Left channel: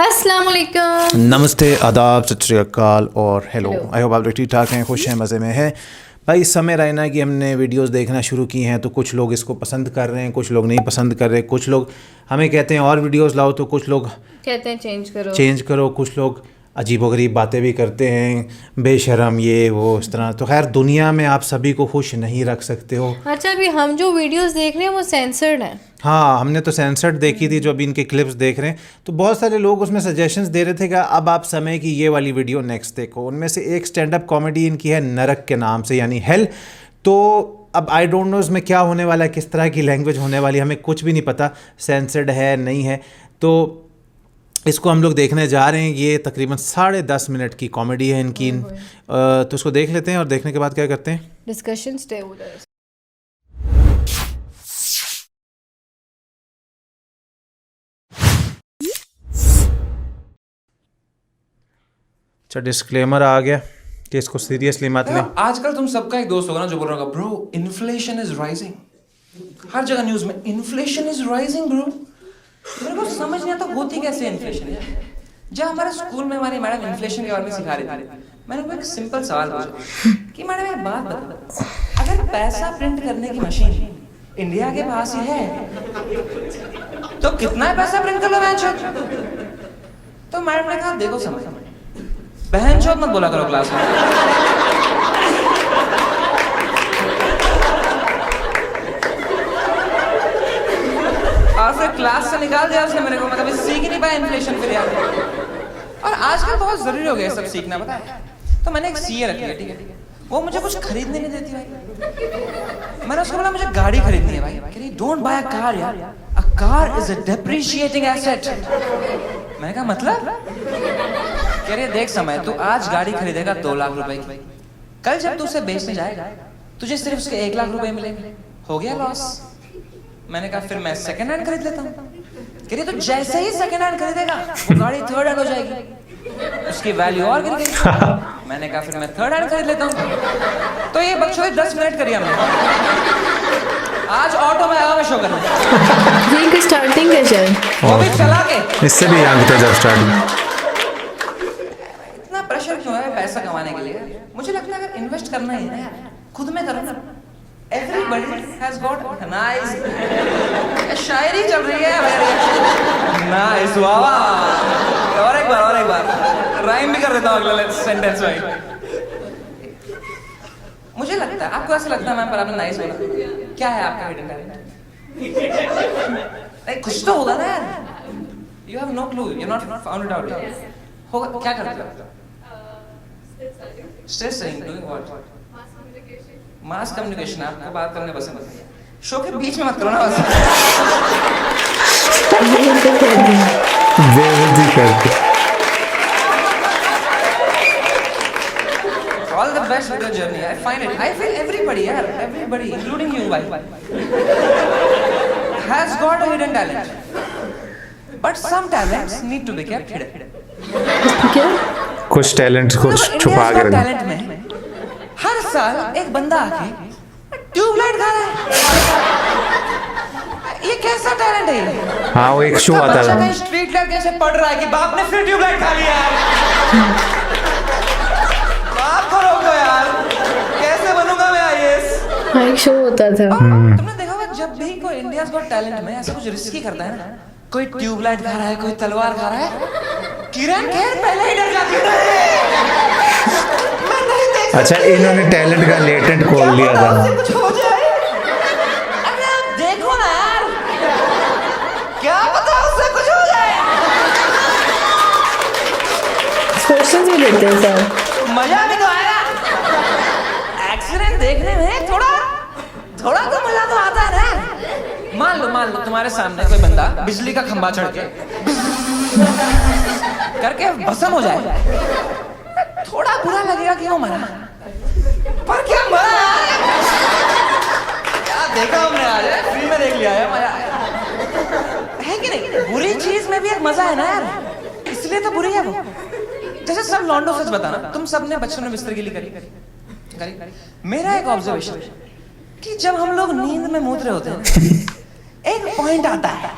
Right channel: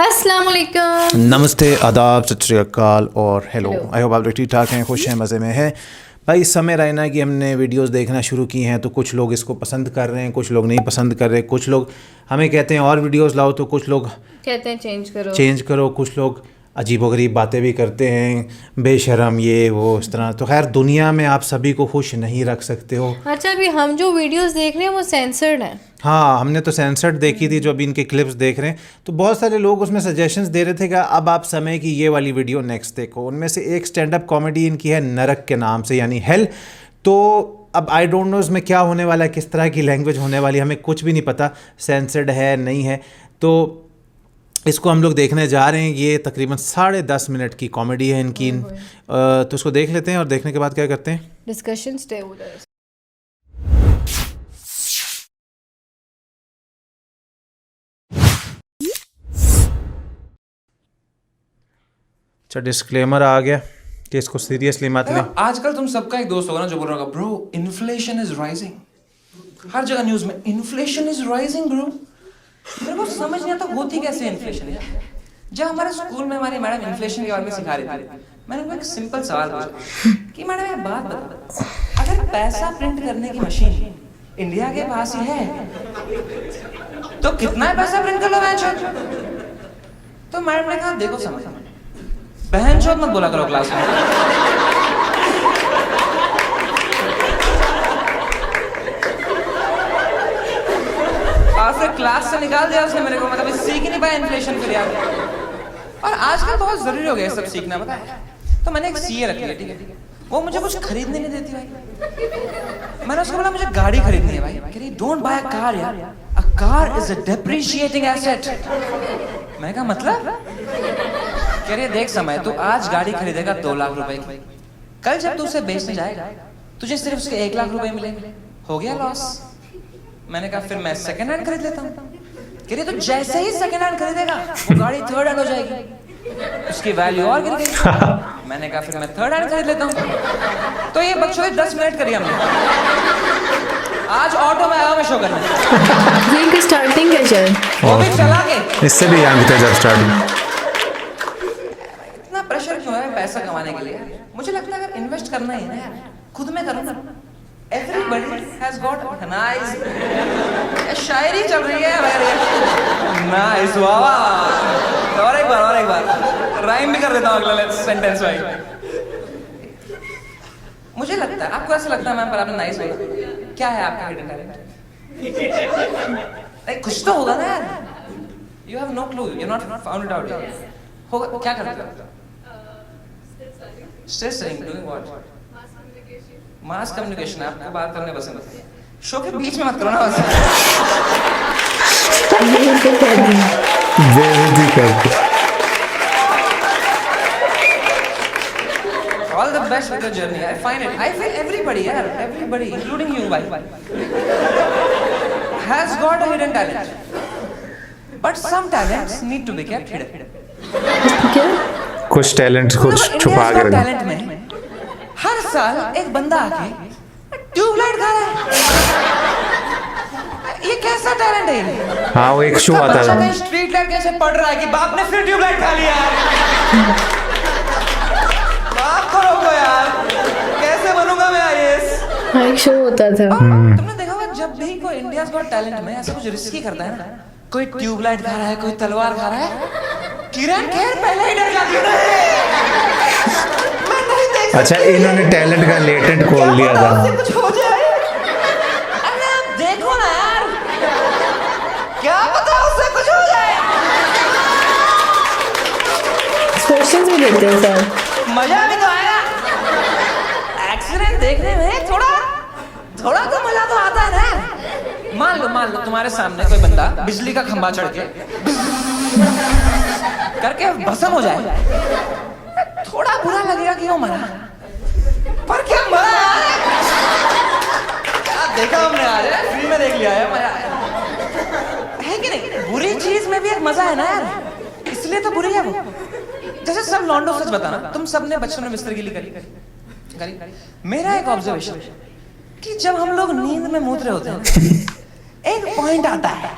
अस्सलाम वालेकुम। नमस्ते, आदाब, सत श्री अकाल और हेलो। आई होप आप लोग ठीक ठाक हैं, खुश हैं, मज़े में हैं। भाई इस समय रहना कि हमने वीडियोस देखना शुरू की हैं तो कुछ लोग इसको पसंद कर रहे हैं, कुछ लोग नहीं पसंद कर रहे, कुछ लोग हमें कहते हैं और वीडियोस लाओ, तो कुछ लोग कहते हैं चेंज करो, कुछ लोग अजीबोगरीब बातें भी करते हैं, बेशरम ये वो इस तरह। तो खैर दुनिया में आप सभी को खुश नहीं रख सकते हो। अच्छा, अभी हम जो वीडियोस देख रहे हैं वो सेंसर्ड हैं। हाँ, हमने तो सेंसर्ड देखी थी, जो अभी इनके क्लिप्स देख रहे हैं तो बहुत सारे लोग उसमें सजेशंस दे रहे थे कि अब आप समय की ये वाली वीडियो नेक्स्ट देखो। उनमें से एक स्टैंड अप कॉमेडी इनकी है नरक के नाम से, यानी हेल। तो अब आई डोंट नो इसमें क्या होने वाला है, किस तरह की लैंग्वेज होने वाली है, हमें कुछ भी नहीं पता, सेंसर्ड है नहीं है। तो इसको हम लोग देखने जा रहे हैं। ये तकरीबन 10.5 मिनट की कॉमेडी है इनकी। तो इसको देख लेते हैं और देखने के बाद क्या करते हैं, डिस्कशन स्टे उधर। अच्छा डिस्क्लेमर आ गया कि इसको सीरियसली मत लें। आजकल तुम सबका एक दोस्त होगा ना जो बोल रहा होगा ब्रो इन्फ्लेशन इज राइजिंग। हर जगह न्यूज में इन्फ्लेशन इज राइजिंग ब्रो। मेरे को समझ नहीं आता होती कैसे इन्फ्लेशन। जब हमारे स्कूल में हमारी मैडम इन्फ्लेशन के बारे में सिखा रही थी, मैंने उनको एक सिंपल सवाल पूछा कि मैडम एक बात बताओ, अगर पैसा प्रिंट करने की मशीन इंडिया के पास ही है तो कितना पैसा प्रिंट करना है? तो मैडम ने कहा देखो समझ बहन चोद मत बोला करो क्लास में। और फिर क्लास से निकाल दिया उसने मेरे को, मतलब सीख ही नहीं पाया इन्फ्लेशन फिर यार। और आजकल बहुत जरूरी हो गया सब सीखना, पता है। तो मैंने एक सीए रखी है, ठीक है, वो मुझे कुछ खरीदने नहीं देती है। मैंने उसको बोला मुझे गाड़ी खरीदनी है भाई। कह रही डोंट बाय अ कार यार, a car is a depreciating asset. मैंने कहा मतलब? कह रहे देख समय तो आज गाड़ी खरीदेगा 2 लाख रुपए की, कल जब तू उसे बेचने जाएगा तुझे सिर्फ उसके 1 लाख रुपए मिलेंगे, हो गया लॉस। मैंने कहा फिर मैं सेकंड हैंड खरीद लेता हूँ। कह रहे तू जैसे ही सेकंड हैंड खरीदेगा वो गाड़ी थर्ड हैंड हो जाएगी, उसकी वैल्यू और गिर गई। मैंने कहा फिर मैं थर्ड हैंड खरीद लेता हूँ। तो ये बकचोदी 10 मिनट करी हमने। आज ऑटो में आया मैं शॉपिंग में। ये इनकी स्टार्टिंग है शायद, और चला के इससे भी यंग थे जब स्टार्टिंग। इतना प्रेशर क्यों है पैसा कमाने के लिए? मुझे लगता है अगर इन्वेस्ट करना ही है खुद में करो ना। Everybody has got nice शायरी चल रही है मेरी। Nice, वाह। और एक बार राइम भी कर देता हूँ अगले सेंटेंस में। मुझे लगता है आपको ऐसा लगता है मैम आपने नाइस बोला, क्या है आपका हेडिंग? कुछ तो होगा ना। You have no clue, you're not found it out. होगा क्या करते हो? Still saying, doing what? Mass communication. आपको बात करने पसंद है, शो के बीच में मत करो ना। बेइज्जती करके। All the best with your journey. I find it. I feel everybody, including you, has got a hidden talent. But some talents need to be kept hidden. क्या? कुछ टैलेंट कुछ छुपा कर टैलेंट में हर साल एक बंदा आके ट्यूबलाइट खा रहा है। ये कैसा टैलेंट है? हाँ, वो एक शो आता था। स्ट्रीट लाइट जैसे पड़ रहा है कि बाप ने फिर ट्यूबलाइट खा लिया। बाप को रोको यार, कैसे बनूंगा मैं आईएएस? हाँ, एक शो होता था। तुमने देखा होगा जब भी कोई इंडिया का टैलेंट में ऐसा कुछ रिस्की करता है ना, कोई ट्यूबलाइट खा रहा है, कोई तलवार खा रहा है, किरण खेर पहले ही डर जाती है। अच्छा, इन्होंने टैलेंट का लेटेंट खोल लिया था। देखो ना यार, क्या पता उससे कुछ हो जाए। क्वेश्चंस भी लेते हैं सर। मजा भी तो आएगा। एक्सीडेंट देखने में थोड़ा तो मजा तो आता है ना। मान लो तुम्हारे सामने कोई बंदा बिजली का खंभा चढ़ के करके भस्म हो जाए, थोड़ा बुरा लगेगा कि वो मरा, पर क्या मरा? क्या देखा हमने आज? फ्री में देख लिया है कि नहीं? बुरी चीज में भी एक मजा है ना यार, इसलिए तो बुरी है वो। जैसे सब लॉन्डो से बताना, तुम सबने बचपन में बिस्तर गिली करी। मेरा एक ऑब्जर्वेशन कि जब हम लोग नींद में मूत्र होते हैं एक पॉइंट आता है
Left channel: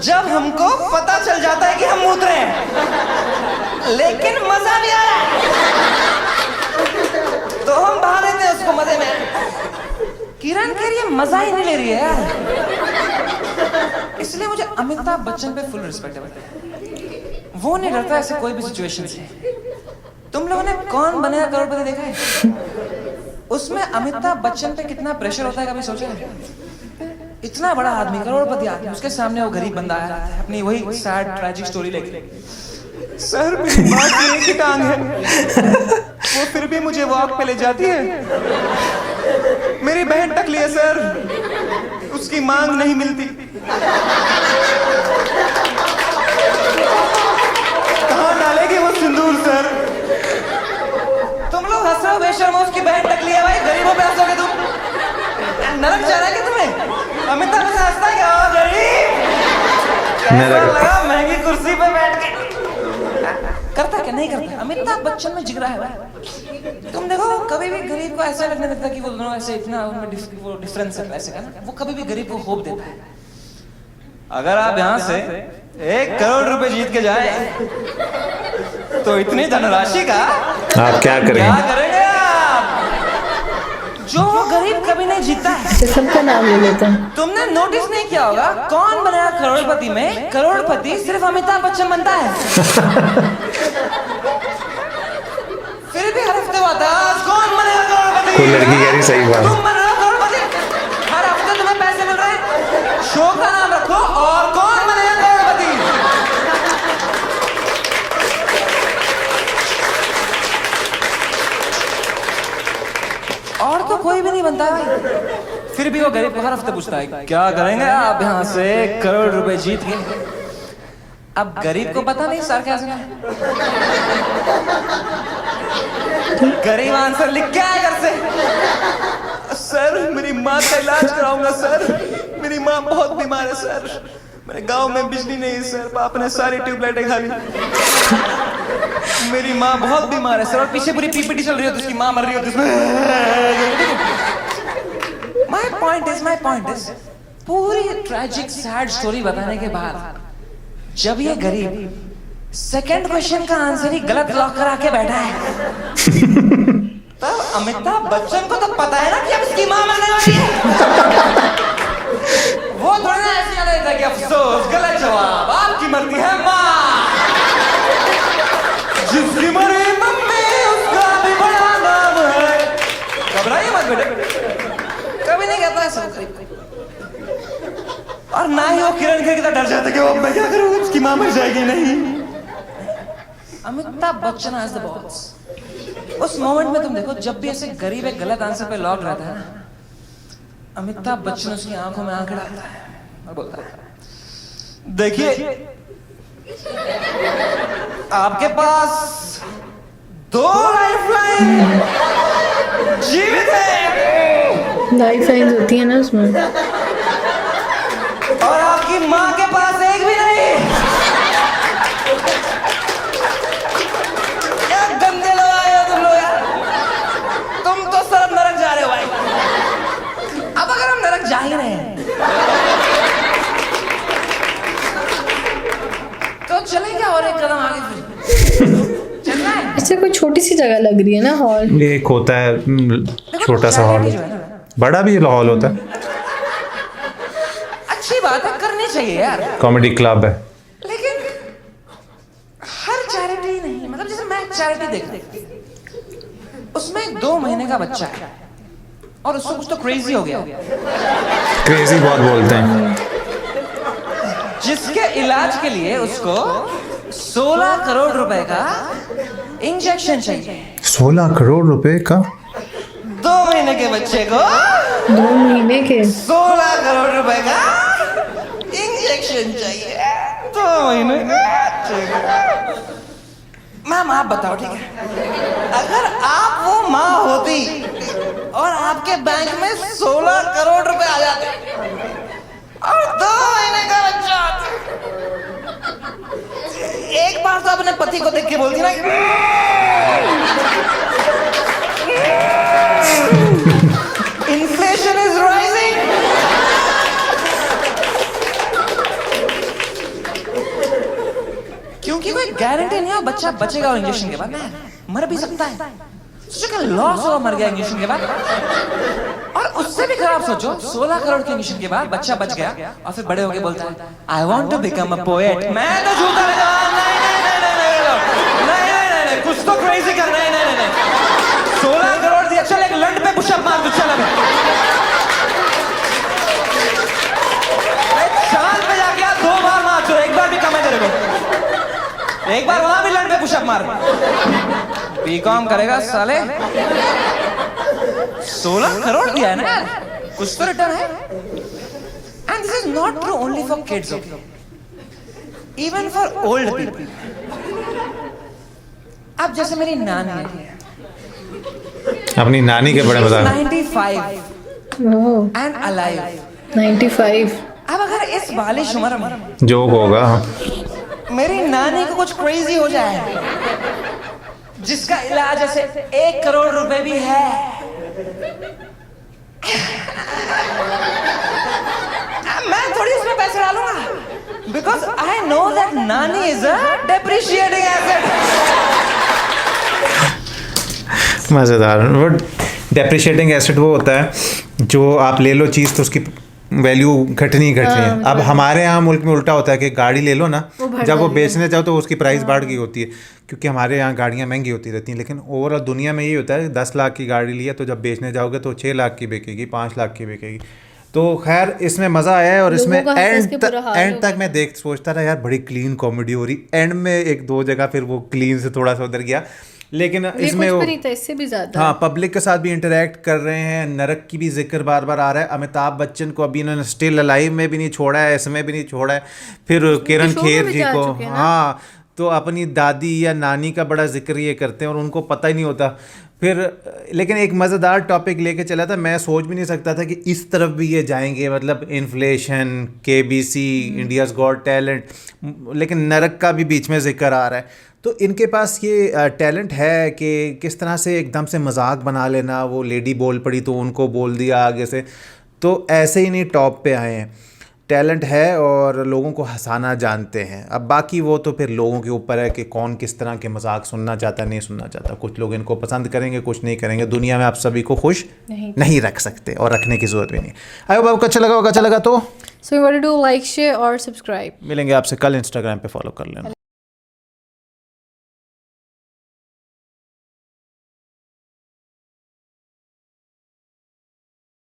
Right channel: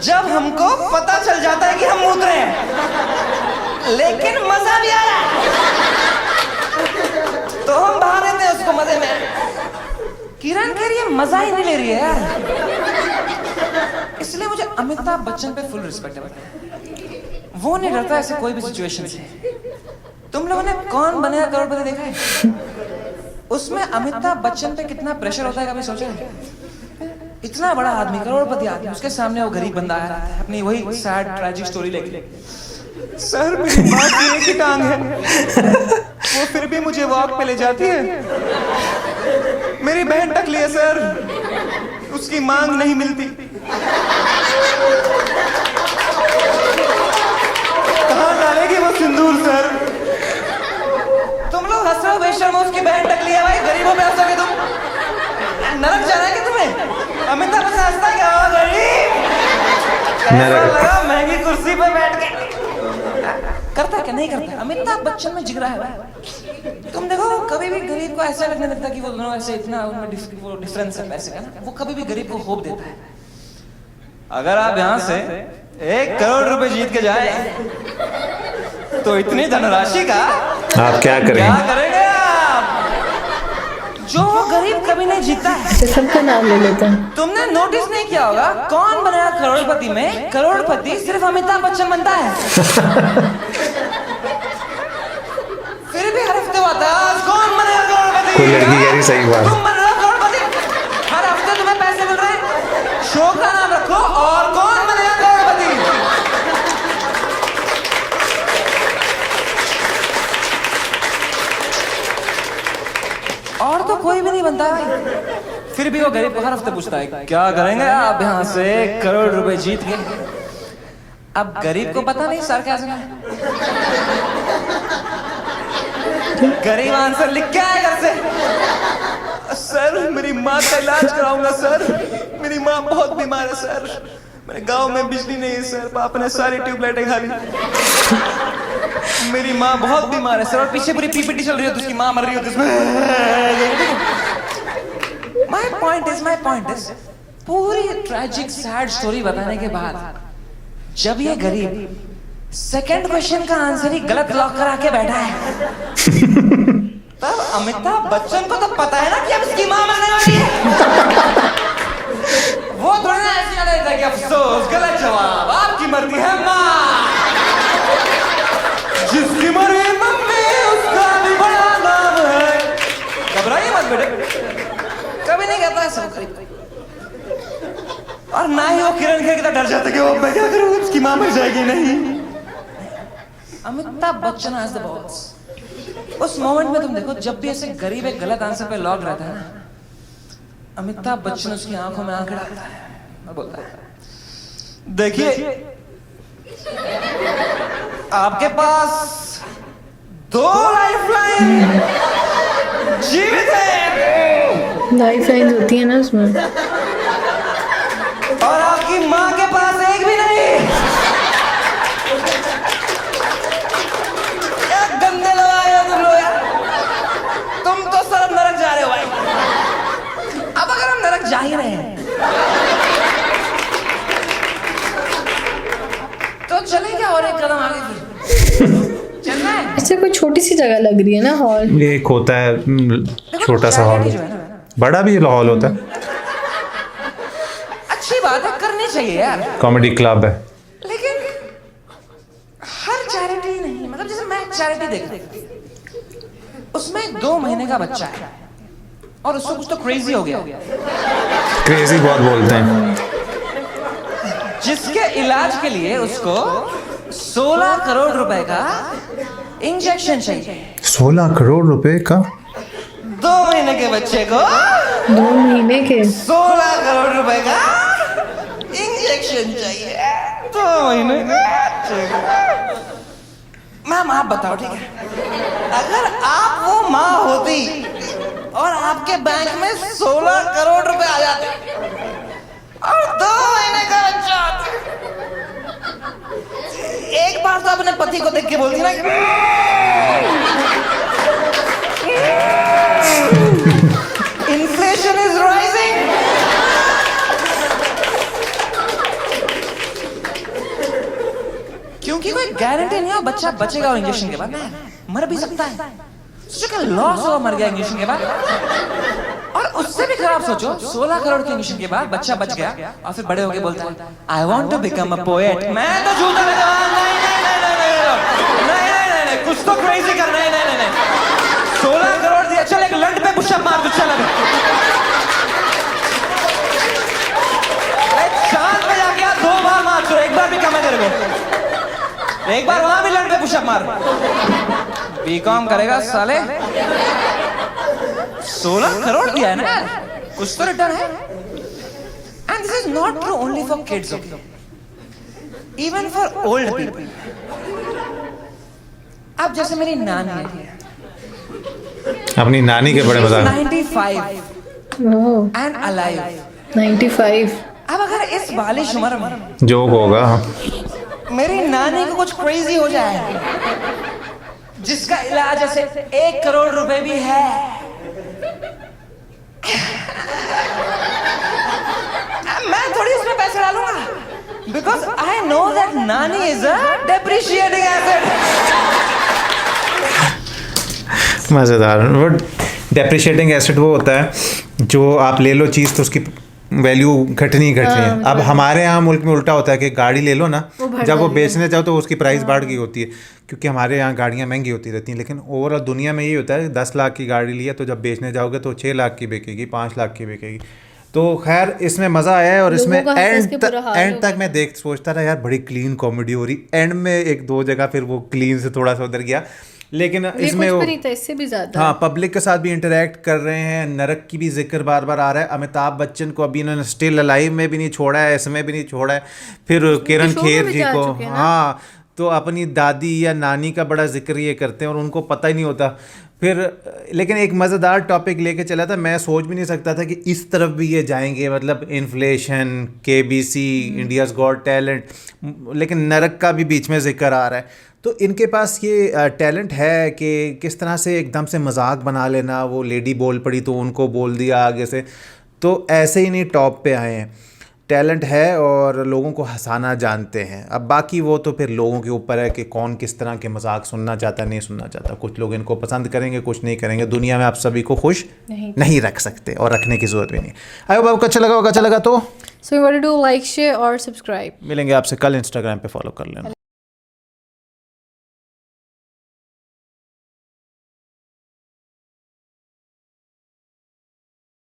जब हमको पता चल जाता है कि हम मूत रहे हैं, लेकिन मजा नहीं आ रहा तो हम बहाने दें इसको मजे में। किरण कह रही है मजा ही नहीं ले रही है, इसलिए मुझे अमिताभ बच्चन पे फुल रिस्पेक्ट है। वो नहीं डरता ऐसे कोई भी सिचुएशन से। तुम लोगों ने कौन बनेगा करोड़पति देखा है? उसमें अमिताभ बच्चन पे कितना प्रेशर होता है कभी सोचा है? इतना बड़ा आदमी, करोड़पति आदमी, उसके सामने वो गरीब बंदा है अपनी वही सैड ट्रैजिक स्टोरी लेके, सर मेरी बात गिरने की टांग है, वो फिर भी मुझे वॉक पे ले जाती है, मेरी बैग टकली है सर, उसकी मांग नहीं मिलती, कहाँ डालेगी वो सिंदूर सर? तुम लोग हंस रहे हो बेशर्म, उसकी बैग टकली है भाई, गरीबों पे हंसोगे तुम? नरक जाना है क्या तुम्हें? अमिताभ बच्चन हंसता क्या? नरक। महंगी कुर्सी पर बैठ के करता क्या नहीं करता? अमिताभ बच्चन में जिगरा है। तुम देखो कभी भी गरीब को ऐसा लगने देता कि वो ऐसे इतना वो डिफरेंस है पैसे का, वो कभी भी गरीब को होप देता है। अगर आप यहाँ से 1 करोड़ रुपए जीत के जाए तो इतनी धनराशि का आप क्या करेंगे? करेंगे? जो गरीब कभी नहीं जीता है। अच्छा, सबका नाम ले लेते हैं। तुमने नोटिस नहीं किया होगा कौन बनाया करोड़पति में? करोड़पति सिर्फ अमिताभ बच्चन बनता है। फिर भी हर हफ्ते आता है कौन बनेगा करोड़पति? कोई लड़की कह रही सही बात। तुम बनेगा करोड़पति, हर हफ्ते तुम्हें पैसे मिल रहे हैं, शो का नाम रखो और कौन बनेगा करोड़पति? और तो कोई भी नहीं बनता भाई। फिर भी वो गरीब हर हफ्ते पूछता है क्या करेंगे आप यहाँ से 1 करोड़ रुपए जीत के? अब गरीब को पता नहीं सर क्या सुना, गरीब आंसर लिख क्या है घर से? सर मेरी माँ का इलाज कराऊंगा सर, मेरी माँ बहुत बीमार है सर, मेरे गांव में बिजली नहीं है सर, बाप ने सारी ट्यूबलाइटें खा ली, मेरी माँ बहुत बीमार है सर, और पीछे पूरी पीपीटी चल रही है, उसकी माँ मर रही है। My point is, पूरी ट्रैजिक सैड स्टोरी बताने के बाद जब ये गरीब सेकंड क्वेश्चन का आंसर ही गलत लॉक करा के बैठा है, अमिताभ बच्चन को तो पता है ना कि अब इसकी माँ मरने वाली है। वो थोड़ा ना ऐसे चला था कि अफसोस गलत जवाब, आपकी मरती है माँ, जिसकी मरे मम्मी उसका भी बड़ा नाम है। घबराइए मत बेटे, कभी नहीं कहता ऐसा। और ना ही वो किरण के कितना डर जाते कि वो मैं क्या करूंगी, उसकी माँ मर जाएगी नहीं। अमिताभ बच्चन आज द बॉस। उस मोमेंट में तुम देखो जब भी ऐसे गरीब एक गलत आंसर पे लॉक रहता है ना, अमिताभ बच्चन उसकी आंखों में आंखें डालता है, बोलता है देखिए आपके पास 2 लाइफलाइन जीवित है, लाइफ लाइन्स होती है ना उसमें। और आपकी माँ के पास एक भी नहीं। क्या गंदे लोग आए हो तुम लोग, तुम तो सब नरक जा रहे हो भाई। अब अगर हम नरक जा ही रहे हैं तो चलेंगे और एक कदम आगे। अच्छा, कोई छोटी सी जगह लग रही है ना हॉल। ये एक होता है छोटा सा हॉल, बड़ा भी हॉल होता है, अच्छी बात है, करनी चाहिए यार, कॉमेडी क्लब है। लेकिन हर चैरिटी नहीं, मतलब जैसे मैं चैरिटी देख रही, उसमें 2 महीने का बच्चा है और उससे कुछ तो क्रेजी हो गया, क्रेजी बहुत बोलते हैं, जिसके इलाज के लिए उसको 16 करोड़ रुपए का इंजेक्शन चाहिए। 16 करोड़ रुपए का? 2 महीने के बच्चे को 2 महीने के 16 करोड़ रुपए का इंजेक्शन चाहिए। 2 महीने मैम आप बताओ ठीक है, अगर आप वो माँ होती और आपके बैंक में 16 करोड़ रुपए आ जाते और 2 महीने का बच्चा, एक बार तो अपने पति को देख के बोलती ना इन्फ्लेशन इज राइजिंग, क्योंकि कोई गारंटी नहीं है बच्चा बचेगा इंजेक्शन के बाद, मर भी सकता है। लॉस हुआ, मर गया इंजेक्शन के बाद। और उससे भी खराब सोचो, 16 करोड़ के इंजेक्शन के बाद बच्चा बच गया और फिर बड़े होके बोलता है I want to become a poet. मैं तो झूठा लगा, नहीं, कुछ तो क्रेजी कर रहा है। 16 करोड़ से अच्छा एक लंड पे पुशअप मार दो, चल साल में अगला 2 बार मार, एक बार भी कमा करेगा, एक बार वहां भी लंड पे पुशअप मार। बीकॉम करेगा साले, 16 करोड़ दिया है ना, कुछ तो रिटर्न है। And this is not true only for kids, okay? Even for old people. अब जैसे मेरी नानी है, अपनी नानी के बड़े मजाक 95 ओह and alive. 95 अब अगर इस बालिश उम्र में जोक होगा। मेरी नानी को कुछ क्रेजी हो जाए जिसका इलाज ऐसे 1 करोड़ रुपए भी है, मैं थोड़ी इसमें पैसे डालूंगा, बिकॉज आई नो दैट नानी इज अ डेप्रिशिएटिंग एसेट। मज़ेदार। वो डेप्रिशिएटिंग एसेट वो होता है जो आप ले लो चीज़ तो उसकी वैल्यू घटनी है। अब हमारे यहाँ मुल्क में उल्टा होता है कि गाड़ी ले लो ना, जब वो बेचने जाओ तो उसकी प्राइस बढ़ गई होती है, क्योंकि हमारे यहाँ गाड़ियाँ महंगी होती रहती हैं। लेकिन ओवरऑल दुनिया में ये होता है 10 लाख की गाड़ी लिया तो जब बेचने जाओगे तो 6 लाख की बिकेगी, 5 लाख की बिकेगी। तो खैर इसमें मज़ा आया है और इसमें एंड तक मैं सोचता रहा यार बड़ी क्लीन कॉमेडी हो रही। एंड में 1-2 जगह फिर वो क्लीन से थोड़ा सा उधर गया, लेकिन इसमें वो इससे भी ज्यादा हाँ पब्लिक के साथ भी इंटरेक्ट कर रहे हैं। नरक की भी जिक्र बार बार आ रहा है। अमिताभ बच्चन को अभी इन्होंने स्टिल अलाइव में भी नहीं छोड़ा है, इसमें भी नहीं छोड़ा है। फिर किरण खेर जी को हाँ तो अपनी दादी या नानी का बड़ा जिक्र ये करते हैं और उनको पता ही नहीं होता। फिर लेकिन एक मज़ेदार टॉपिक लेके चला था, मैं सोच भी नहीं सकता था कि इस तरफ भी ये जाएंगे, मतलब inflation, KBC, India's got talent, लेकिन नरक का भी बीच में जिक्र आ रहा है। तो इनके पास ये टैलेंट है कि किस तरह से एकदम से मजाक बना लेना। वो लेडी बोल पड़ी तो उनको बोल दिया आगे से, तो ऐसे ही नहीं टॉप पे आए हैं। टैलेंट है और लोगों को हंसाना जानते हैं। अब बाकी वो तो फिर लोगों के ऊपर है कि कौन किस तरह के मजाक सुनना चाहता है, नहीं सुनना चाहता। कुछ लोग इनको पसंद करेंगे, कुछ नहीं करेंगे। दुनिया में आप सभी को खुश नहीं रख सकते और रखने की ज़रूरत भी नहीं। आई होप आपको अच्छा लगा तो So you want to do like, share और सब्सक्राइब। मिलेंगे आपसे कल। इंस्टाग्राम पे फॉलो कर लेना।